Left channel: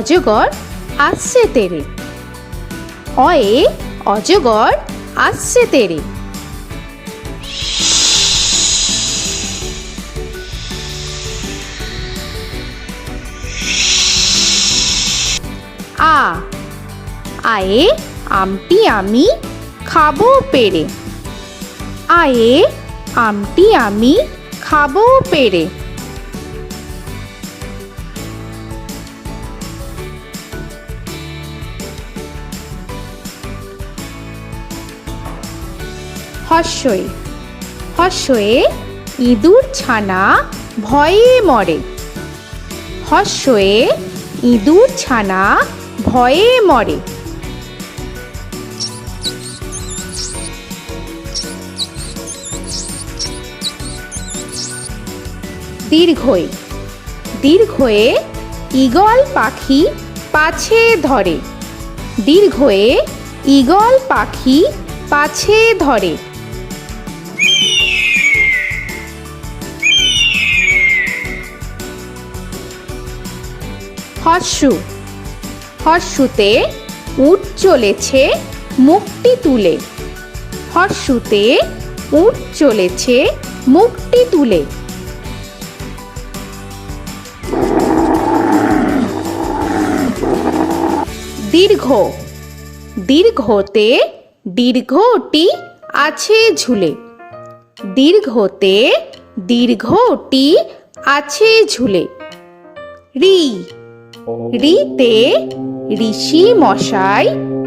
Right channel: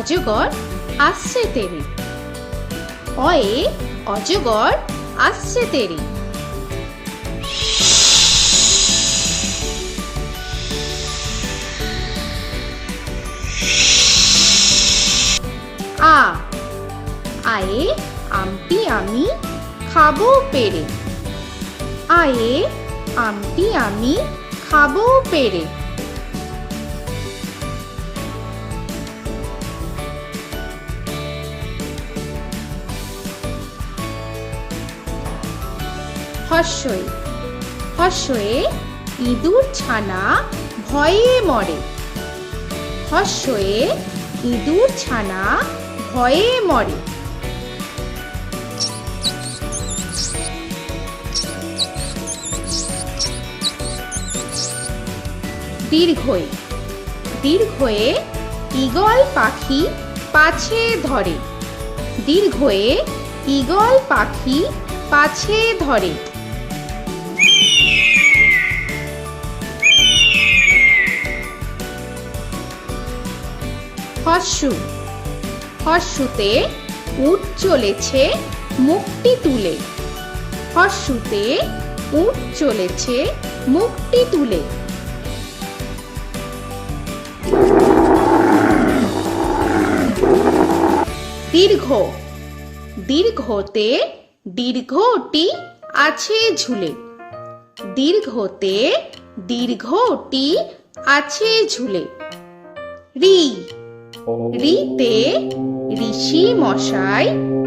অজগর আসছে তেরে। অয়ে অজগর আসছে তেরে। আ আয়ে আমটি আমি খাবো পেরে। আয়ে আমটি আমি খাবো পেরে। হর্ষই হর্ষয়ে ইঁদুর ছানা ভয়ে মরে। হর্ষয়ে ইঁদুর ছানা ভয়ে মরে। দীর্ঘই দীর্ঘয়ে ঈগল পাখি পাছে ধরে। দীর্ঘয়ে ঈগল পাখি পাছে ধরে। হর্ষু হর্ষুতে উট চলেছে মুখটি তুলে। হর্ষুতে উট চলেছে মুখটি তুলে। দীর্ঘ দীর্ঘতে দীর্ঘটি আছে ঝুলে। দীর্ঘতে দীর্ঘটি আছে ঝুলে। রি রিতে ঋষি মশাই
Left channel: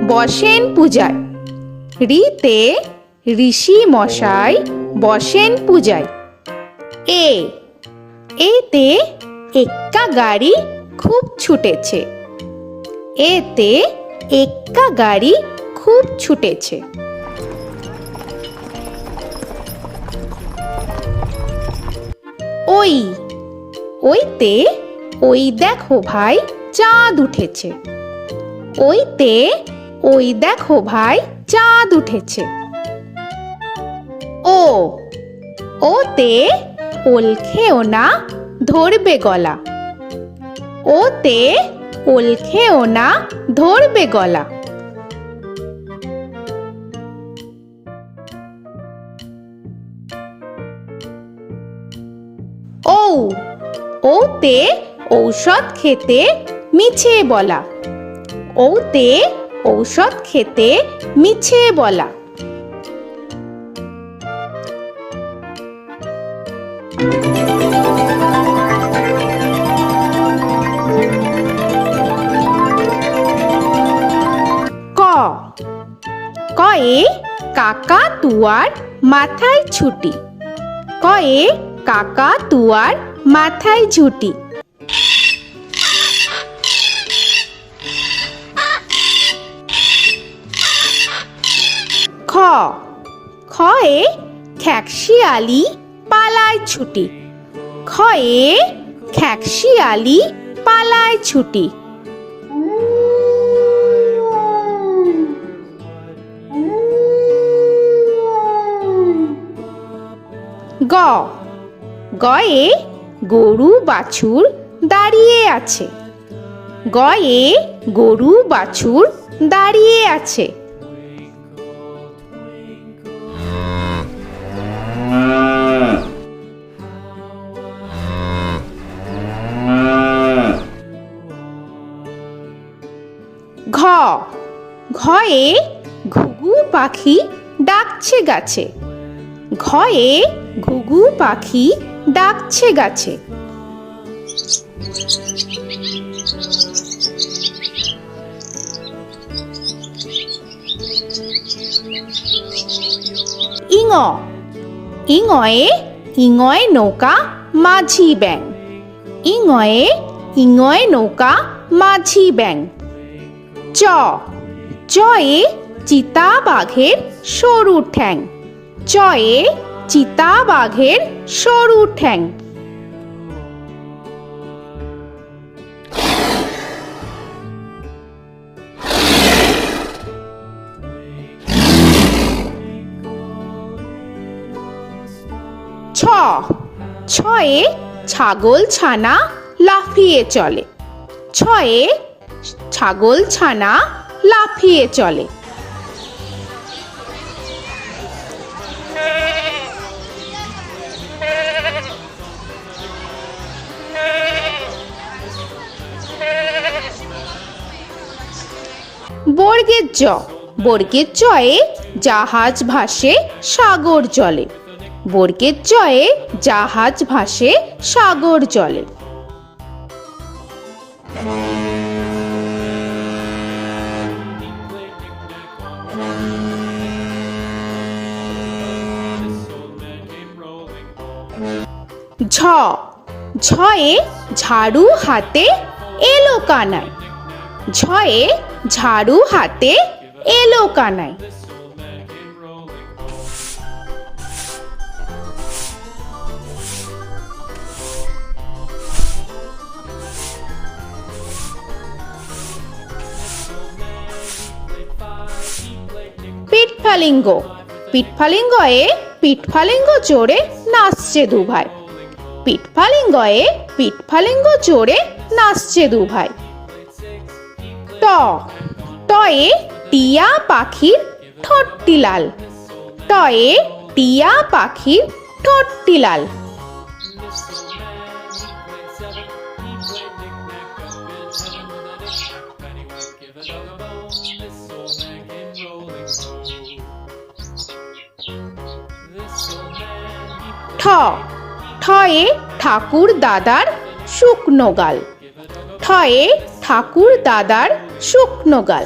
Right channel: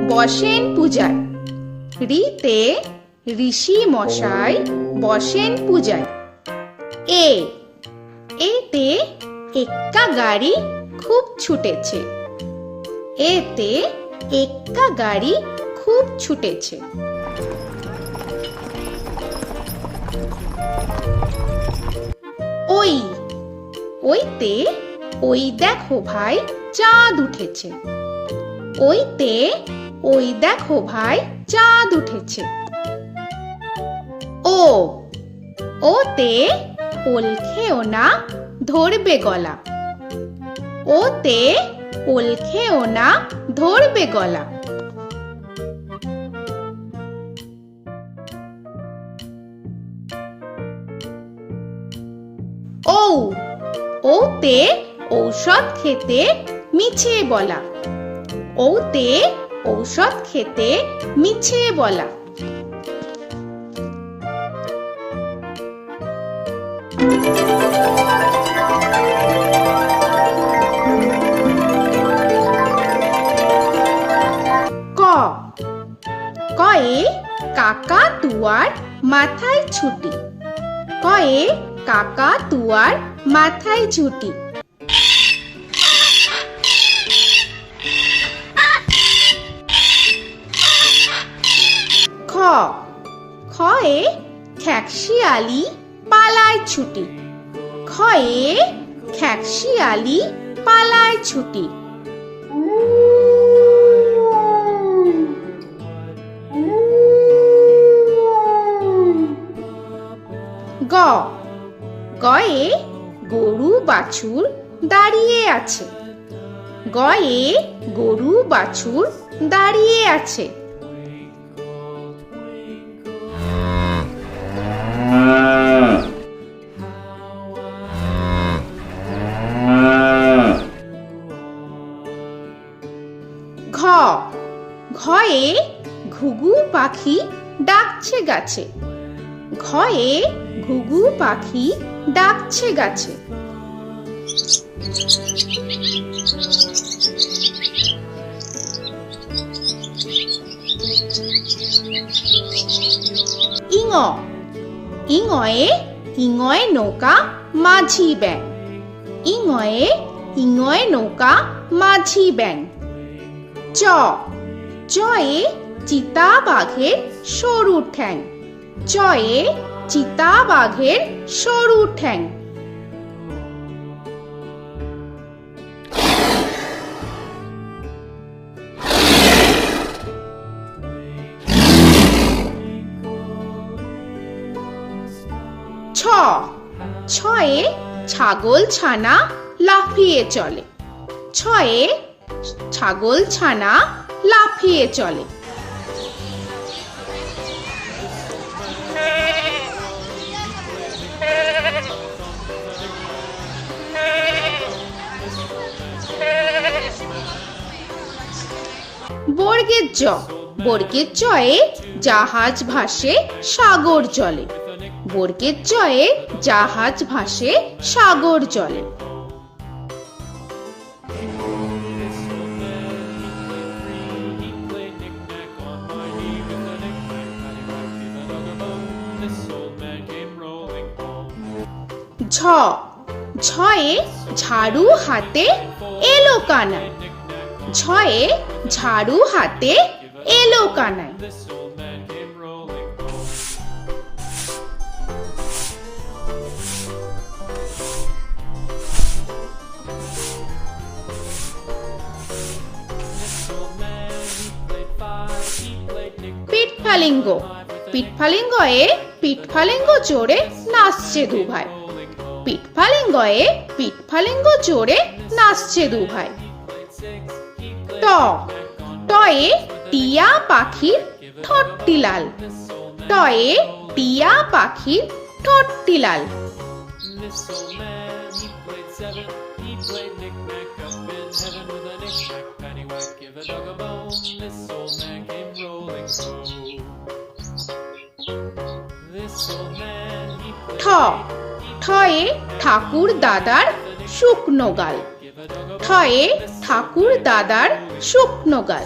বসেন পূজায়। রিতে ঋষি মশাই বসেন পূজায়। এ এতে এক্কা গাড়ি খুব ছুটেছে। এতে এক্কা গাড়ি খুব ছুটেছে। ওই ওইতে ওই দেখো ভাই চাঁদ উঠেছে। ওইতে ওই দেখো ভাই চাঁদ উঠেছে। ও ওতে ওল খেও না ধরবে গলা। ওতে ওল খেও না ধরবে গলা। ঔ ওতে ঔষধ খেতে মিছে বলা। ওতে ঔষধ খেতে মিছে বলা। ক কয়ে কাকা তুয়ার মাথায় ছুটি। কয়ে কাকা তুয়ার মাথায় ঝুটি। খ খয়ে খ্যাকশিয়ালি পালায় ছুটি। খয়ে খ্যাকশিয়ালি পালায় ছুটি। গ গয়ে গরু বাছুর দাঁড়িয়ে আছে। গয়ে গরু বাছুর দাঁড়িয়ে আছে। ঘ ঘয়ে ঘুঘু পাখি ডাকছে গাছে। ঘয়ে ঘুঘু পাখি ডাকছে গাছে। ইঙ ইঙয়ে ইঙয়ে নৌকা মাঝি ব্যাং। ইঙয়ে ইঙয়ে নৌকা মাঝি ব্যাং। চ চয়ে চিতা বাঘের সরু ঠ্যাং। চয়ে চিতা বাঘের সরু ঠ্যাং। ছ ছয়ে ছাগল ছানা লাফিয়ে চলে। ছয়ে ছাগল ছানা লাফিয়ে চলে। বর্গের জ, বর্গের জয়ে জাহাজ ভাসে সাগর জলে। বর্গের জয়ে জাহাজ ভাসে সাগর জলে। ঝ, ঝয়ে ঝাড়ু হাতে এলো কানাই। ঝয়ে ঝাড়ু হাতে এলো কানাই। পিঠফালিঙ্গ, পিঠফালিঙ্গয়ে পিঠফালিঙ্গ জোরে নাচছে দুভাই। পিঠফালিঙ্গয়ে পিঠফালিঙ্গ জোরে নাচছে দুভাই। ট, টয়ে টিয়া পাখির ঠোঁটটি লাল। টয়ে টিয়া পাখির ঠোঁটটি লাল। ঠ, ঠয়ে ঠাকুর দাদার শুকনো গাল। ঠয়ে ঠাকুর দাদার শুকনো গাল।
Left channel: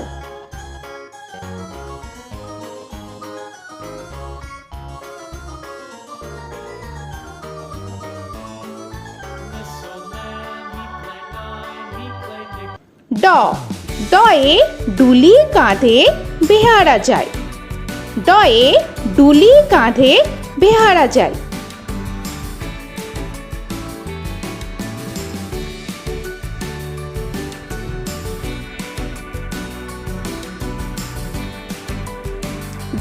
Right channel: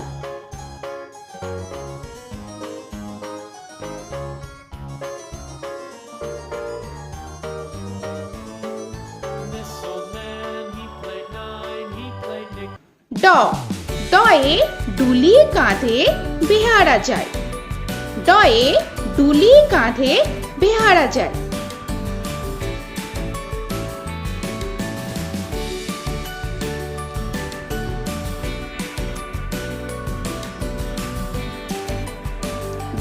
ড, ডয়ে ডুলি কাঁধে বেহারা যায়। ডয়ে ডুলি কাঁধে বেহারা যায়।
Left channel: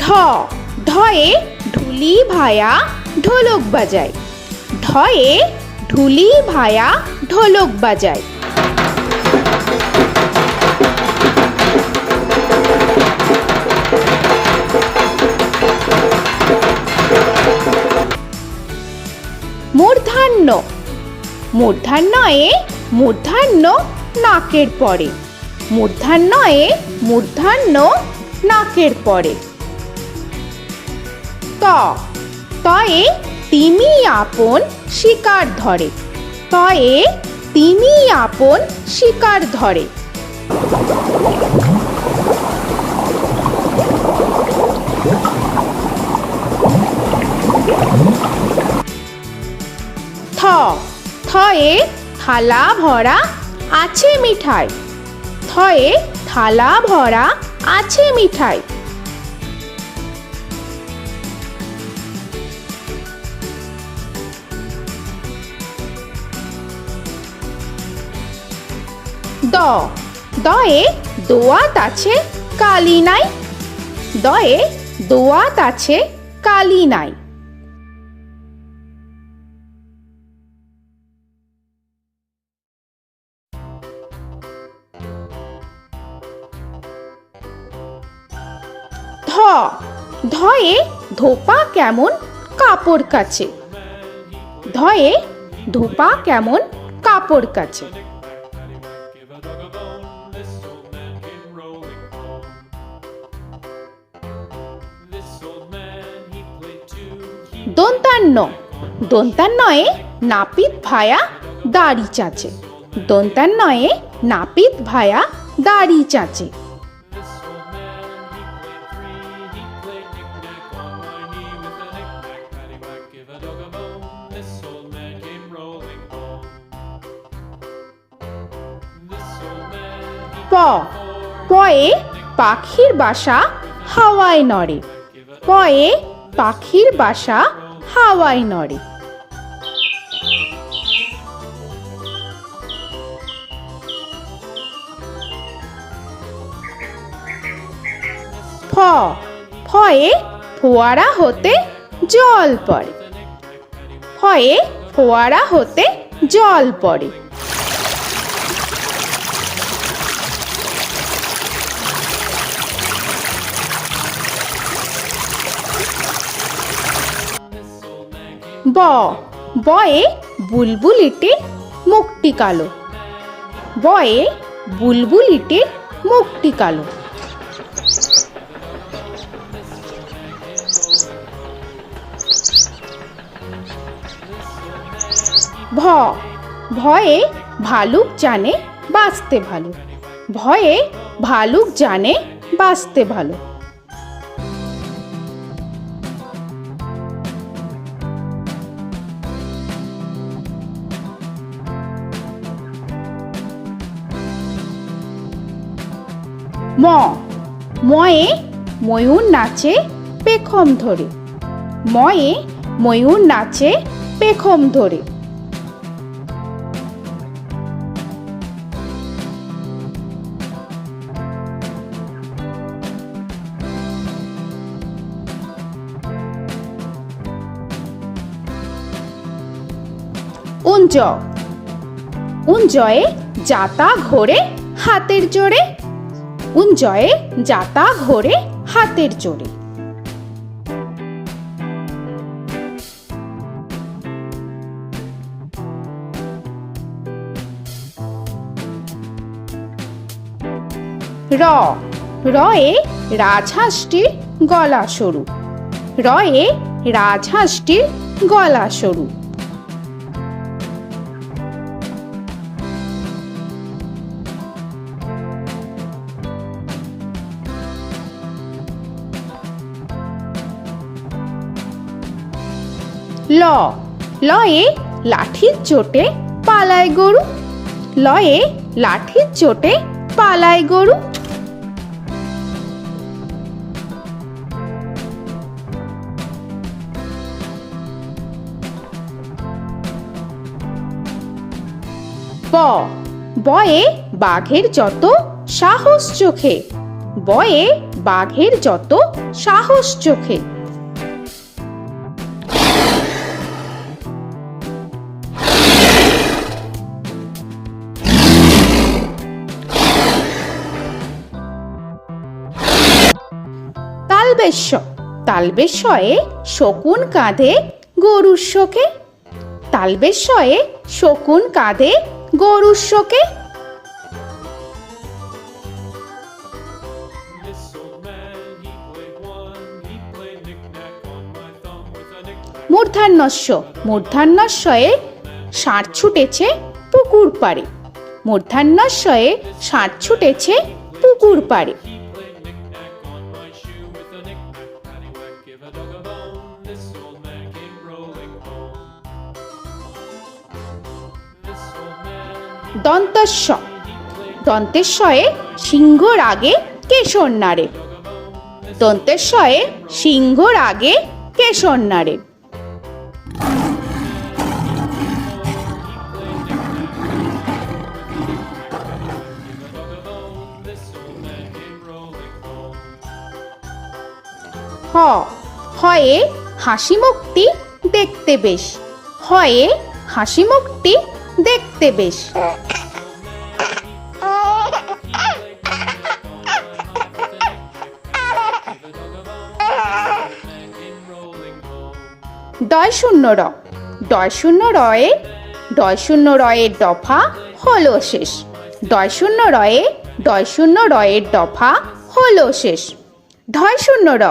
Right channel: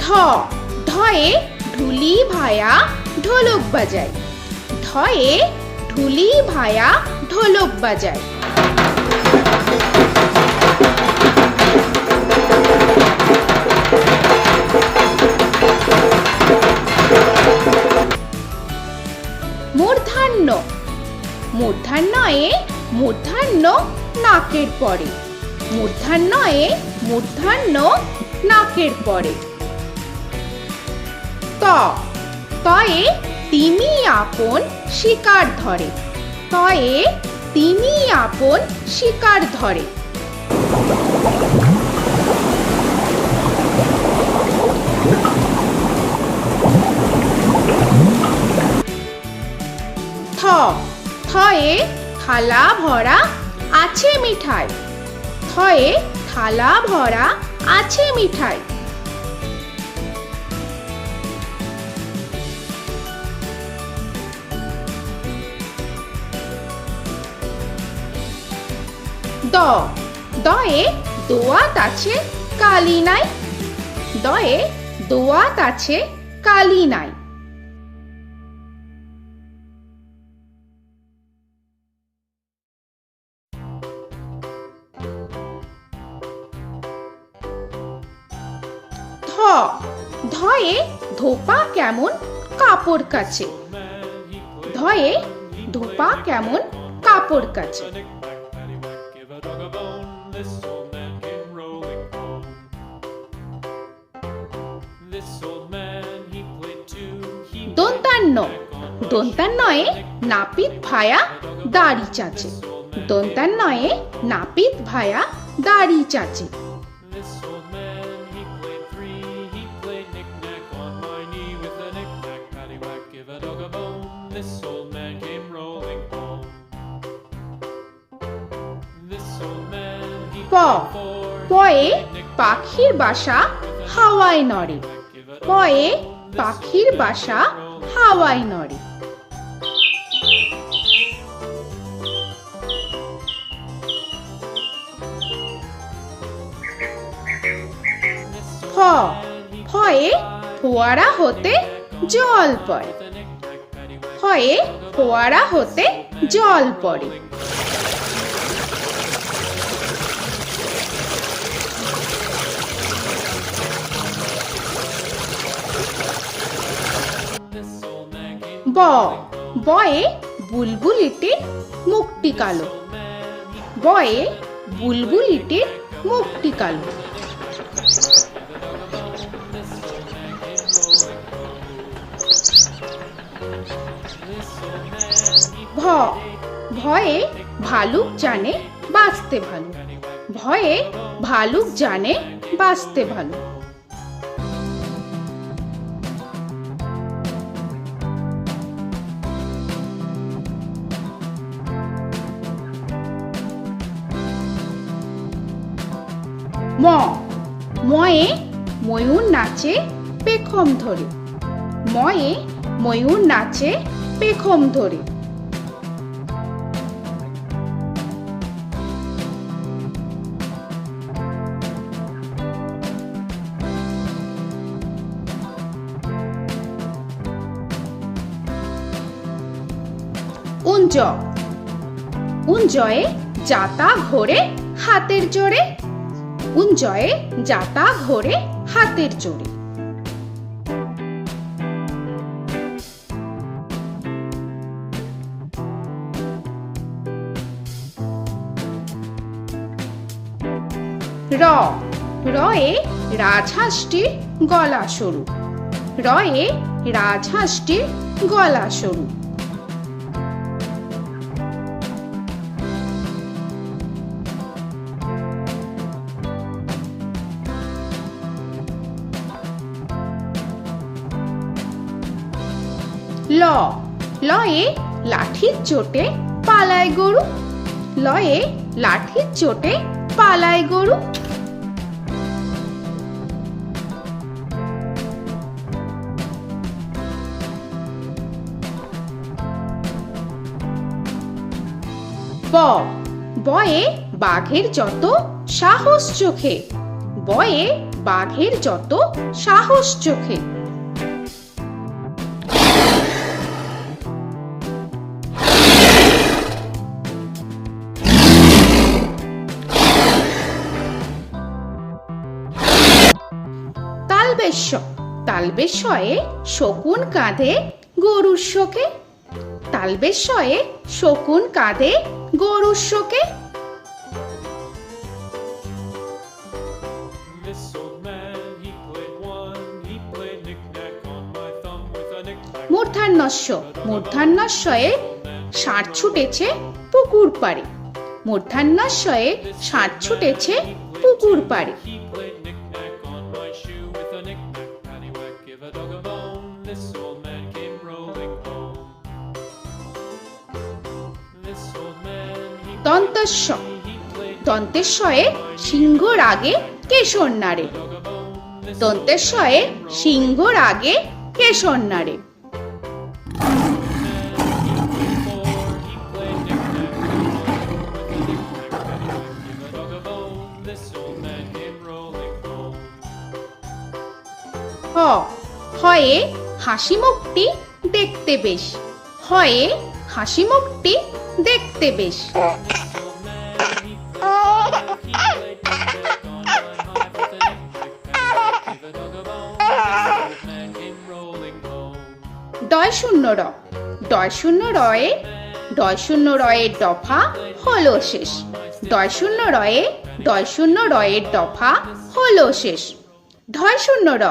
ঢ, ঢয়ে ঢুলি ভায়া ঢোলক বাজায়। ঢয়ে ঢুলি ভায়া ঢোলক বাজায়। মূর্ধন্য, মূর্ধন্যয়ে মূর্ধন্য নাকের পরে। মূর্ধন্যয়ে মূর্ধন্য নাকের পরে। ত, তয়ে তিনি আপন শিকার ধরে। তয়ে তিনি আপন শিকার ধরে। থ, থয়ে থালা ভরা আছে মিঠাই। থয়ে থালা ভরা আছে মিঠাই। দ, দয়ে দোয়াত আছে কালি নাই। দয়ে দোয়াত আছে কালি নাই। ধ, ধয়ে ধোপা কেমন কাপড় কাচে। ধয়ে ধোপা কেমন কাপড় কাচে। দন্তান্ন, দন্তান্নয়ে নাপিত ভায়া দাড়ি চাচে। দন্তান্নয়ে নাপিত ভায়া দাড়ি চাচে। প, পয়ে পাখির বাসা হাওয়ায় নড়ে। পয়ে পাখির বাসা হাওয়ায় নড়ে। ফ, ফয়ে ফোয়ারা হতে জল পড়ে। ফয়ে ফোয়ারা হতে জল পড়ে। ব বয়ে বুলবুলিটির মুখটি কালো। বয়ে বুলবুলিটির মুখটি কালো। ভ ভয়ে ভালুক জানে বাঁচতে ভালো। ভয়ে ভালুক জানে বাঁচতে ভালো। ম ময়ে ময়ূর নাচে পেখম ধরে। ময়ে ময়ূর নাচে পেখম ধরে। উঞ্জ উঞ্জয়ে যাতা ঘোরে হাতের জোরে। উঞ্জয়ে যাতা ঘোরে হাতের জোরে। র রয়ে রাজহাঁসটির গলা সরু। রয়ে রাজহাঁসটির গলা সরু। ল লয়ে লাঠির চোটে পালায় গরু। লয়ে লাঠির চোটে পালায় গরু। ব বয়ে বাঘের যত সাহস চোখে। বয়ে বাঘের যত সাহস চোখে। তালবেশ্য তালবেশ্যয়ে শকুন কাঁধে গরুর শোকে। তালবেশ্যয়ে শকুন কাঁধে গরুর শোকে। মূর্ধন্যস্য মূর্ধন্যস্বয়ে ষাঁড় ছুটেছে পুকুর পাড়ে। মূর্ধন্যস্বয়ে ষাঁড় ছুটেছে পুকুর পাড়ে। দন্তস্ব দন্তেশ্বয়ে সিংহর আগে কেশর নাড়ে। দন্তেশ্বয়ে সিংহর আগে কেশর নাড়ে। হ হয়ে হাসি মুখটি দেখতে বেশ। হয়ে হাসি মুখটি দেখতে বেশ। ডয় শূন্য র ডয় শূন্য রয়ে ডয় শূন্য রয়ের দফা হলো শেষ। ডয় শূন্য রয়ে ডয় শূন্য রয়ের দফা হলো শেষ। ঢয় শূন্য র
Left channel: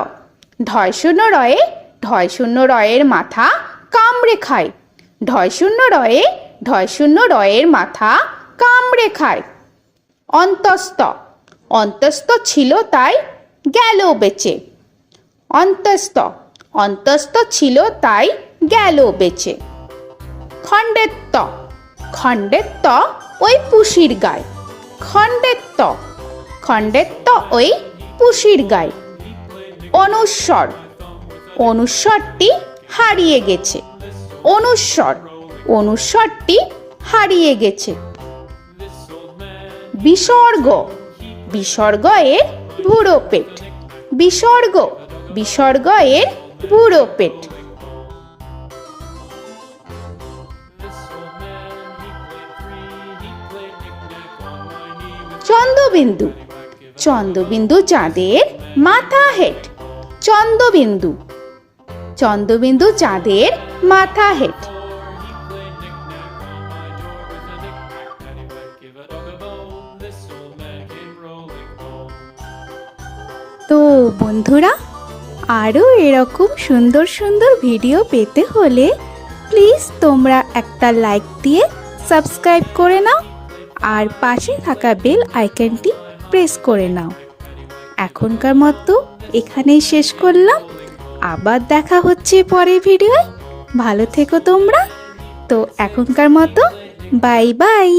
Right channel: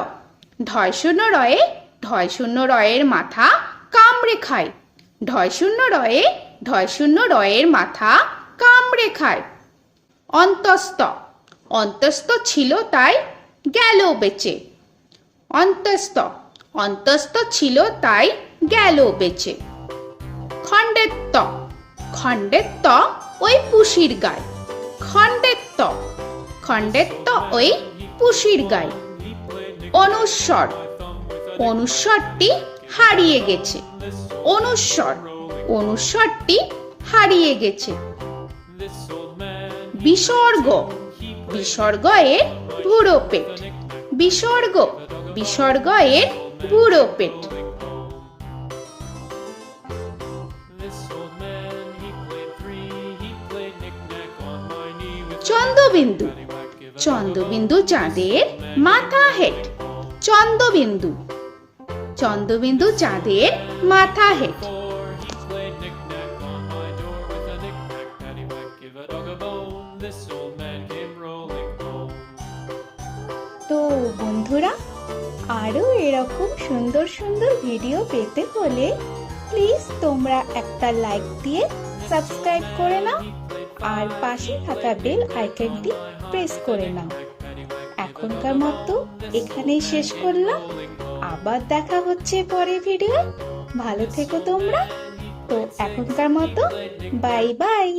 ঢয় শূন্য রয়ে ঢয় শূন্য রয়ের মাথা কামড়ে খায়। ঢয় শূন্য রয়ে ঢয় শূন্য রয়ের মাথা কামড়ে খায়। অন্তস্থ অন্তস্থ ছিল তাই গেল বেঁচে। অন্তস্থ অন্তস্থ ছিল তাই গেল বেঁচে। খণ্ডেত্ব খণ্ডেত্ব ওই পুষির গায়। খণ্ডেত্ব খণ্ডেত্ব ওই পুষির গায়। অনুস্বর অনুস্বরটি হারিয়ে গেছে। অনুস্বর অনুস্বরটি হারিয়ে গেছে। বিসর্গ বিসর্গ এর বুড়ো পেট। বিসর্গ বিসর্গ এর বুড়ো পেট। চন্দ্রবিন্দু চন্দ্রবিন্দু চাঁদের মাথা হেট। চন্দ্রবিন্দু চন্দ্রবিন্দু চাঁদের মাথা হেড। তো বন্ধুরা, আরও এরকম সুন্দর সুন্দর ভিডিও পেতে হলে প্লিজ তোমরা একটা লাইক দিয়ে সাবস্ক্রাইব করে নাও আর পাশে থাকা বেল আইকনটি প্রেস করে নাও। এখনকার মতো এখানেই শেষ করলাম, আবার দেখা হচ্ছে পরের ভিডিও। ভালো থেকো তোমরা। তো এখনকার মতো বাই বাই।